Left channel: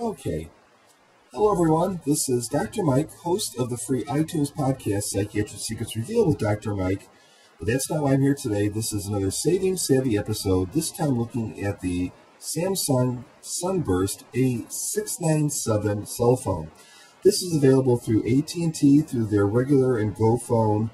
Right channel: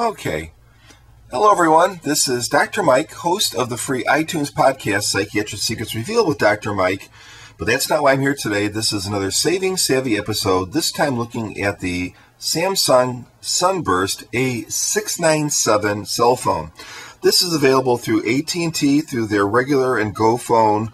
Okay. Hello, everyone. This is Dr. Mike, host of the free iTunes podcast, Psychiatric Secrets Revealed with Dr. Mike. But that's not why I'm here today. This is another Saving Savvy episode, this time looking at the Samsung Sunburst A697 cell phone. This is available through ATT, through their regular and Go phone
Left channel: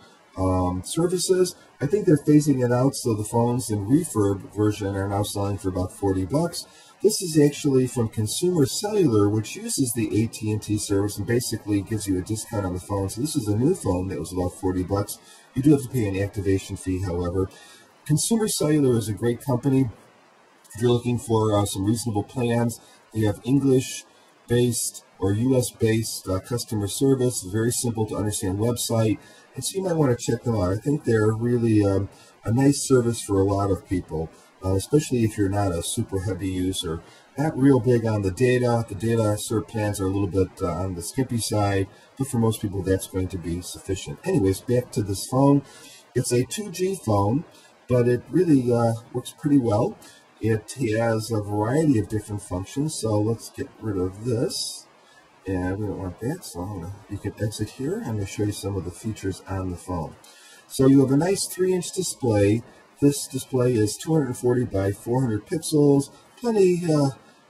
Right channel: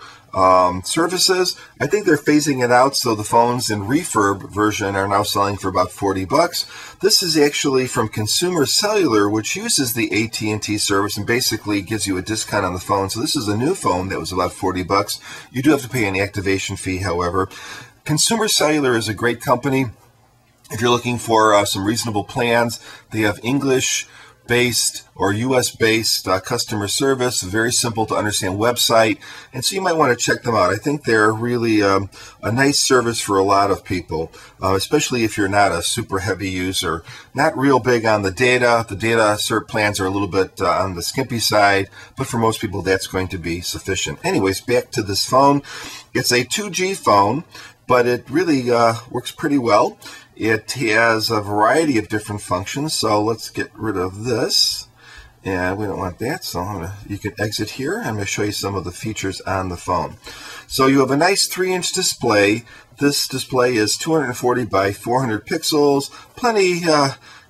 services. I think they're phasing it out, so the phones in refurb version are now selling for about $40. This is actually from Consumer Cellular, which uses the AT&T service and basically gives you a discount on the phone. So this is a new phone that was about $40. You do have to pay an activation fee, however. Consumer Cellular is a great company. If you're looking for some reasonable plans, they have English-based or U.S.-based customer service, a very simple to understand website, and so you might want to check them out. I think they're really a nice service for a lot of people, especially if you're not a super heavy user, not real big on the data. The data cert plans are a little bit on the skimpy side, but for most people that's going to be sufficient. Anyways, back to this phone. It's a 2G phone, but it really works pretty well. It has a variety of different functions, so let's get rid of this. And we don't want that, so you can exit here. I'm going to show you some of the features on the phone. So you have a nice 3-inch display. This display is 240 by 400 pixels, plenty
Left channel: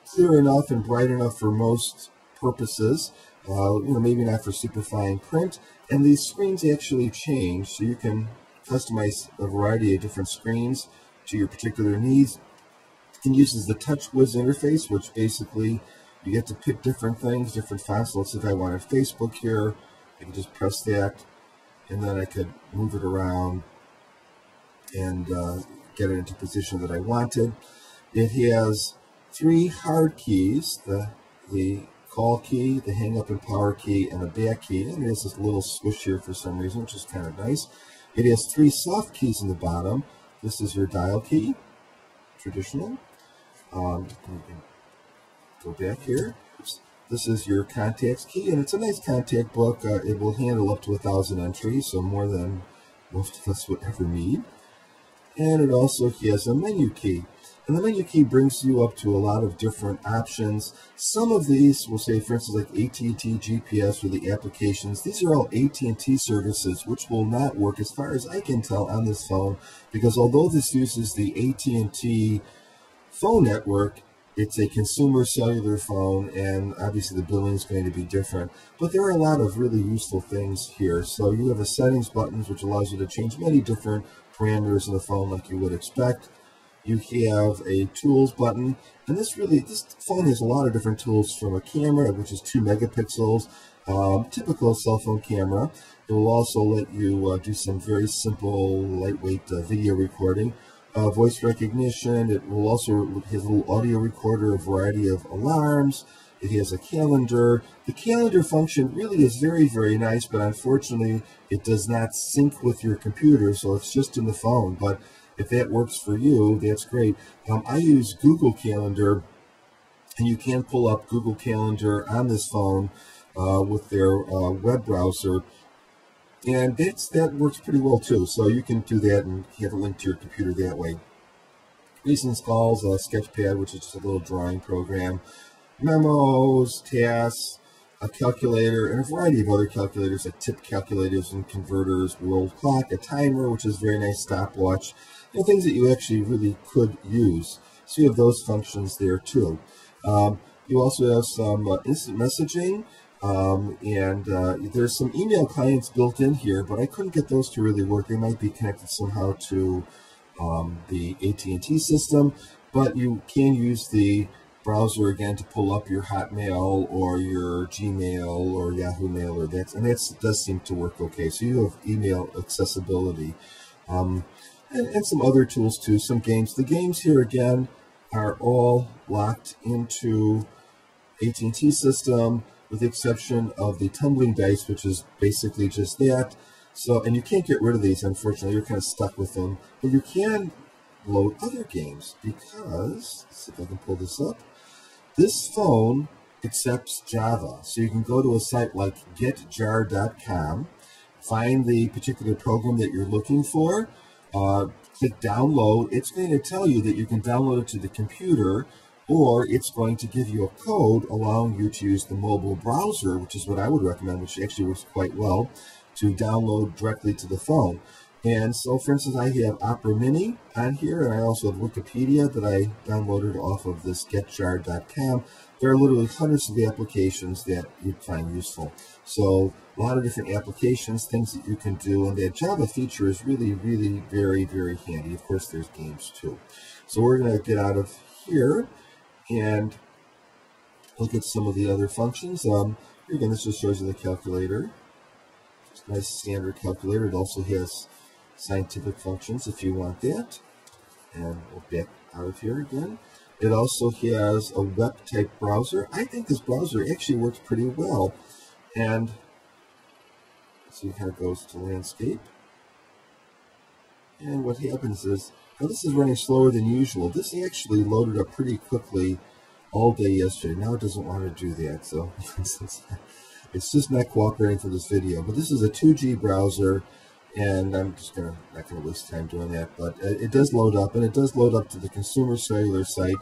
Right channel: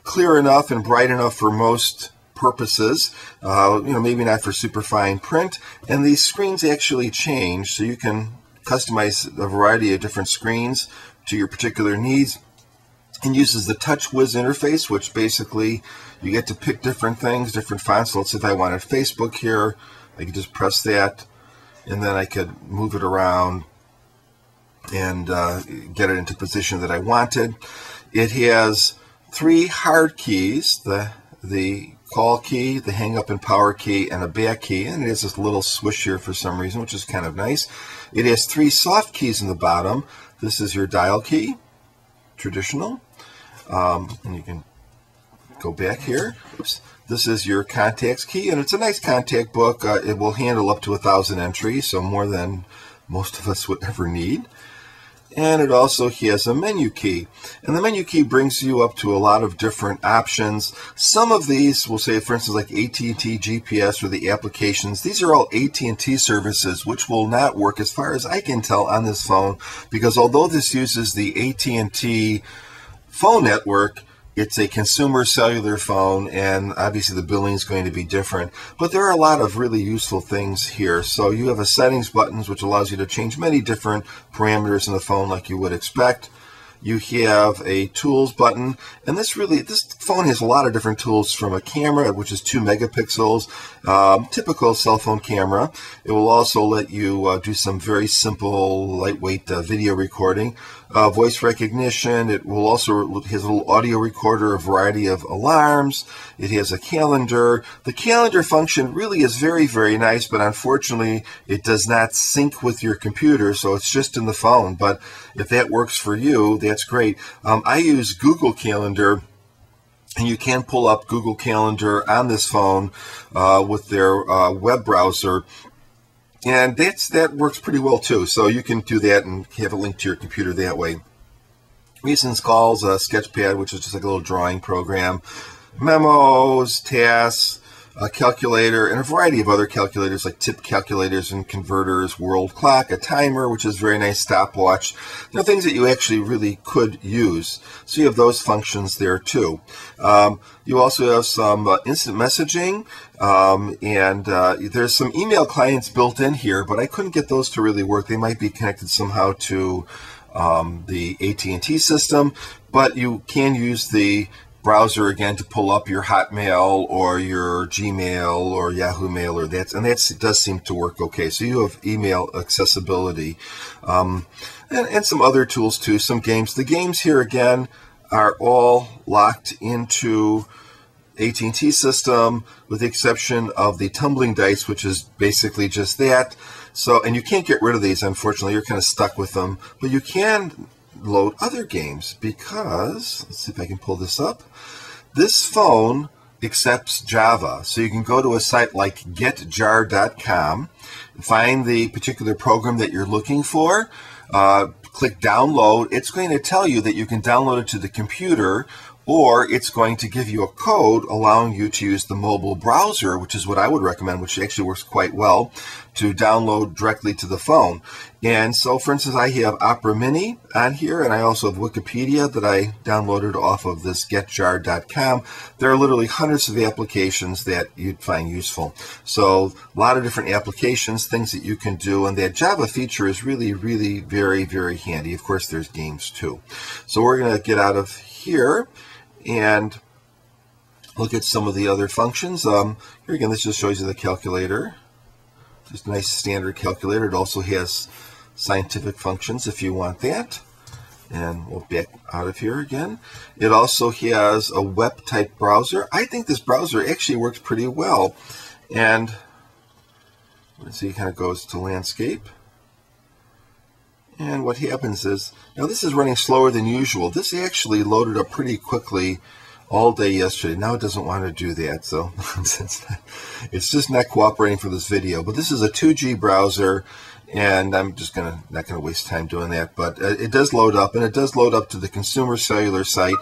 clear enough and bright enough for most purposes. Maybe not for super fine print. And these screens actually change, so you can customize a variety of different screens to your particular needs. And uses the TouchWiz interface, which basically you get to pick different things, different fonts. So let's say if I wanted Facebook here, I could just press that, and then I could move it around and get it into position that I wanted. It has 3 hard keys, the call key, the hang up and power key, and a back key, and it has this little swish here for some reason, which is kind of nice. It has 3 soft keys in the bottom. This is your dial key, traditional. And you can go back here. Oops. This is your contacts key, and it's a nice contact book. It will handle up to 1,000 entries, so more than most of us would ever need. And it also has a menu key, and the menu key brings you up to a lot of different options. Some of these will say, for instance, like ATT GPS or the applications. These are all AT&T services, which will not work as far as I can tell on this phone, because although this uses the AT&T phone network, it's a consumer cellular phone, and obviously the billing is going to be different. But there are a lot of really useful things here. So you have a settings button, which allows you to change many different parameters in the phone like you would expect. You have a tools button, and this phone has a lot of different tools, from a camera, which is 2 megapixels, typical cell phone camera. It will also let you do some very simple, lightweight video recording, voice recognition. It will also has a little audio recorder, a variety of alarms. It has a calendar. The calendar function really is very, very nice, but unfortunately it does not sync with your computer, so it's just in the phone. But if that works for you, that's great. I use Google Calendar, and you can pull up Google Calendar on this phone with their web browser. And that works pretty well too. So you can do that and have it linked to your computer that way. Recent calls, Sketchpad, which is just like a little drawing program, memos, tasks, a calculator, and a variety of other calculators like tip calculators and converters, world clock, a timer, which is very nice, stopwatch, things that you actually really could use. So you have those functions there too. You also have some instant messaging, and there's some email clients built in here, but I couldn't get those to really work. They might be connected somehow to the AT&T system, but you can use the browser again to pull up your Hotmail or your Gmail or Yahoo Mail, and that does seem to work okay. So you have email accessibility, and some other tools too, some games. The games here again are all locked into AT&T system, with the exception of the tumbling dice, which is basically just that. So, and you can't get rid of these, unfortunately. You're kind of stuck with them, but you can load other games, because let's see if I can pull this up. This phone accepts Java, so you can go to a site like getjar.com, find the particular program that you're looking for, click download. It's going to tell you that you can download it to the computer, or it's going to give you a code allowing you to use the mobile browser, which is what I would recommend, which actually works quite well, to download directly to the phone. And so, for instance, I have Opera Mini on here, and I also have Wikipedia that I downloaded off of this getjar.com. There are literally hundreds of applications that you'd find useful. So a lot of different applications, things that you can do, and that Java feature is really, really very, very handy. Of course, there's games too. So we're going to get out of here and look at some of the other functions. Here again, this just shows you the calculator. Just a nice standard calculator. It also has scientific functions if you want that. And we'll back out of here again. It also has a web type browser. I think this browser actually works pretty well. And let's see, it kind of goes to landscape. And what happens is, now this is running slower than usual. This actually loaded up pretty quickly all day yesterday. Now it doesn't want to do that, so it's just not cooperating for this video. But this is a 2G browser, and I'm just not gonna waste time doing that. But it does load up, and it does load up to the consumer cellular site.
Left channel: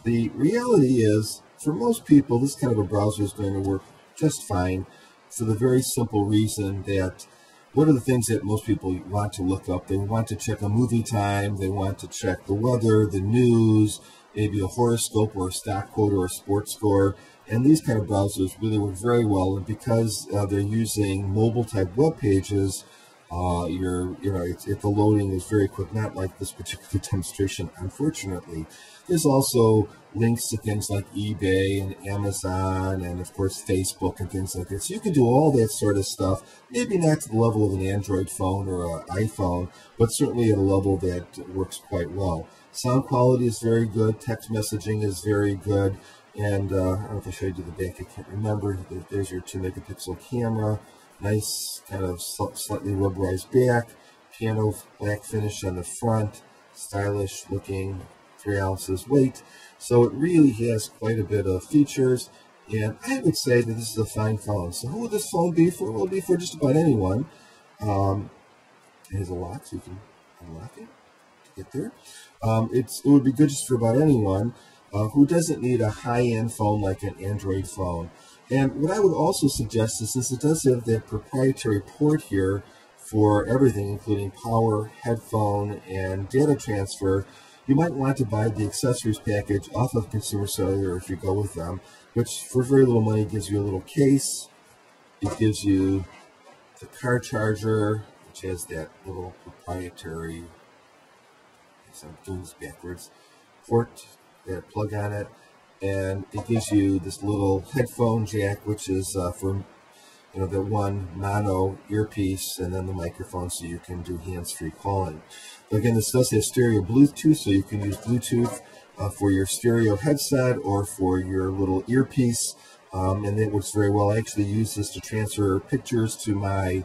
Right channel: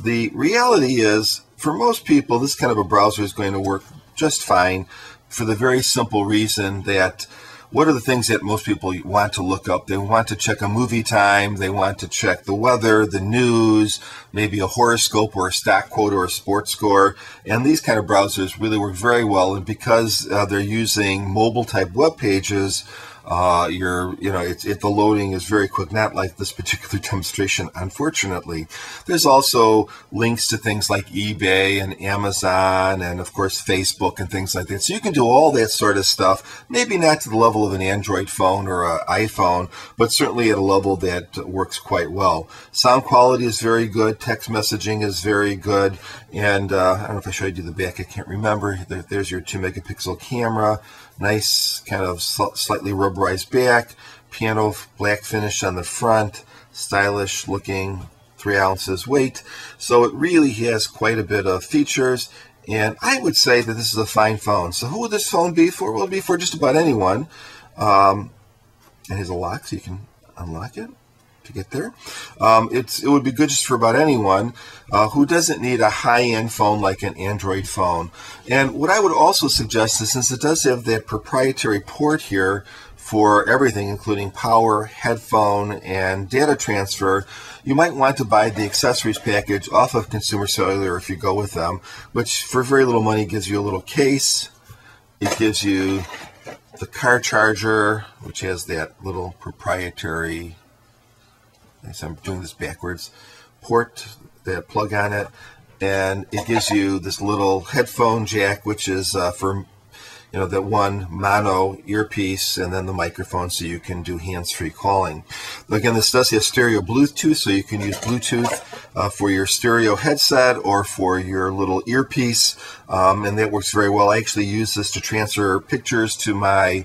The reality is, for most people, this kind of a browser is going to work just fine, for the very simple reason that what are the things that most people want to look up? They want to check a movie time, they want to check the weather, the news, maybe a horoscope or a stock quote or a sports score. And these kind of browsers really work very well. And because they're using mobile type web pages, the loading is very quick, not like this particular demonstration, unfortunately. There's also links to things like eBay and Amazon and, of course, Facebook and things like that. So you can do all that sort of stuff, maybe not to the level of an Android phone or an iPhone, but certainly at a level that works quite well. Sound quality is very good. Text messaging is very good. And I don't know if I showed you the back. I can't remember. There's your 2-megapixel camera. Nice kind of slightly rubberized back, piano black finish on the front, stylish looking, 3 ounces weight. So it really has quite a bit of features, and I would say that this is a fine phone. So who would this phone be for? Well, it'd be for just about anyone. It has a lock, so you can unlock it to get there. It would be good just for about anyone who doesn't need a high-end phone like an Android phone. And what I would also suggest is, since it does have that proprietary port here for everything, including power, headphone, and data transfer, you might want to buy the accessories package off of Consumer Cellular if you go with them, which for very little money gives you a little case. It gives you the car charger, which has that little proprietary, so I'm doing this backwards, port, that plug on it, and it gives you this little headphone jack, which is for that one mono earpiece, and then the microphone so you can do hands-free calling. But again, this does have stereo Bluetooth, so you can use Bluetooth for your stereo headset or for your little earpiece, and that works very well. I actually use this to transfer pictures to my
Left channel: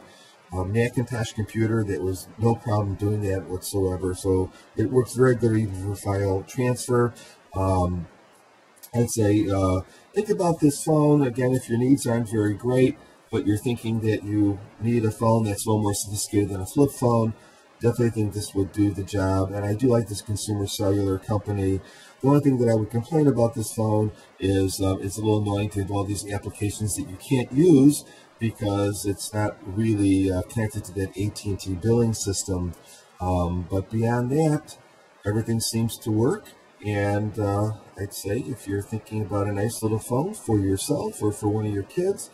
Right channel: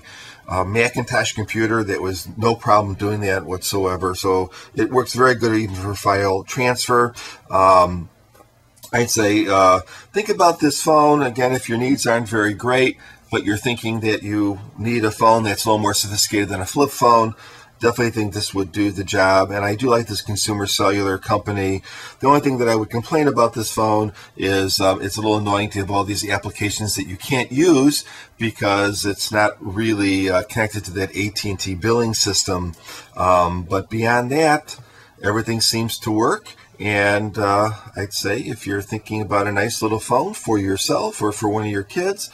Macintosh computer. That was no problem doing that whatsoever. So it works very good even for file transfer. I'd say think about this phone. Again, if your needs aren't very great, but you're thinking that you need a phone that's a little more sophisticated than a flip phone, definitely think this would do the job. And I do like this Consumer Cellular company. The only thing that I would complain about this phone is it's a little annoying to have all these applications that you can't use because it's not really connected to that ATT billing system. But beyond that, everything seems to work. And I'd say if you're thinking about a nice little phone for yourself or for one of your kids,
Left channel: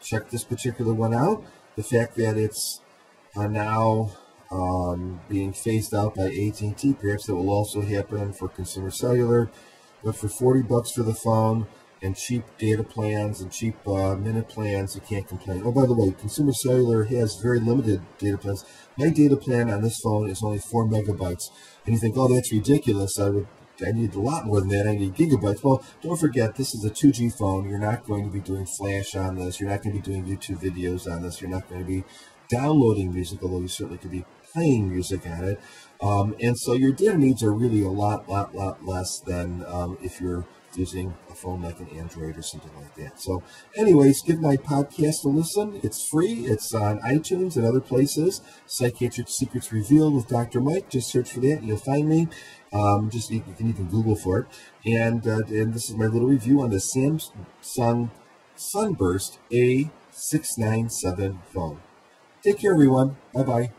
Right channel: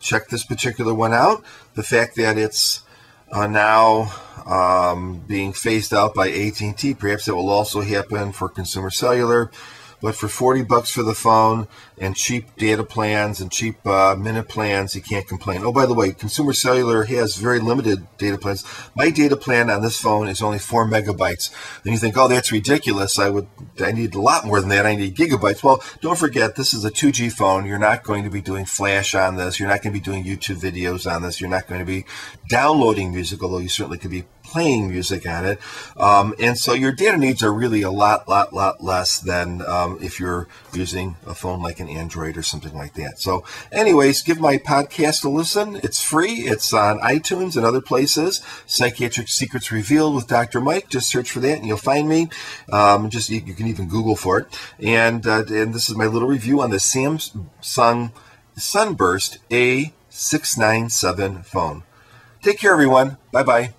check this particular one out. The fact that it's now being phased out by AT&T, perhaps it will also happen for Consumer Cellular. But for $40 for the phone and cheap data plans and cheap minute plans, you can't complain. Oh, by the way, Consumer Cellular has very limited data plans. My data plan on this phone is only 4 megabytes. Then you think, oh, that's ridiculous. I need a lot more than that. I need gigabytes. Well, don't forget, this is a 2G phone. You're not going to be doing Flash on this. You're not going to be doing YouTube videos on this. You're not going to be downloading music, although you certainly could be playing music on it. And so your data needs are really a lot less than if you're using a phone like an Android or something like that. So anyways, give my podcast a listen. It's free. It's on iTunes and other places. Psychiatric Secrets Revealed with Dr. Mike. Just search for that and you'll find me. You can even Google for it. And this is my little review on the Samsung Sunburst A697 phone. Take care, everyone. Bye-bye.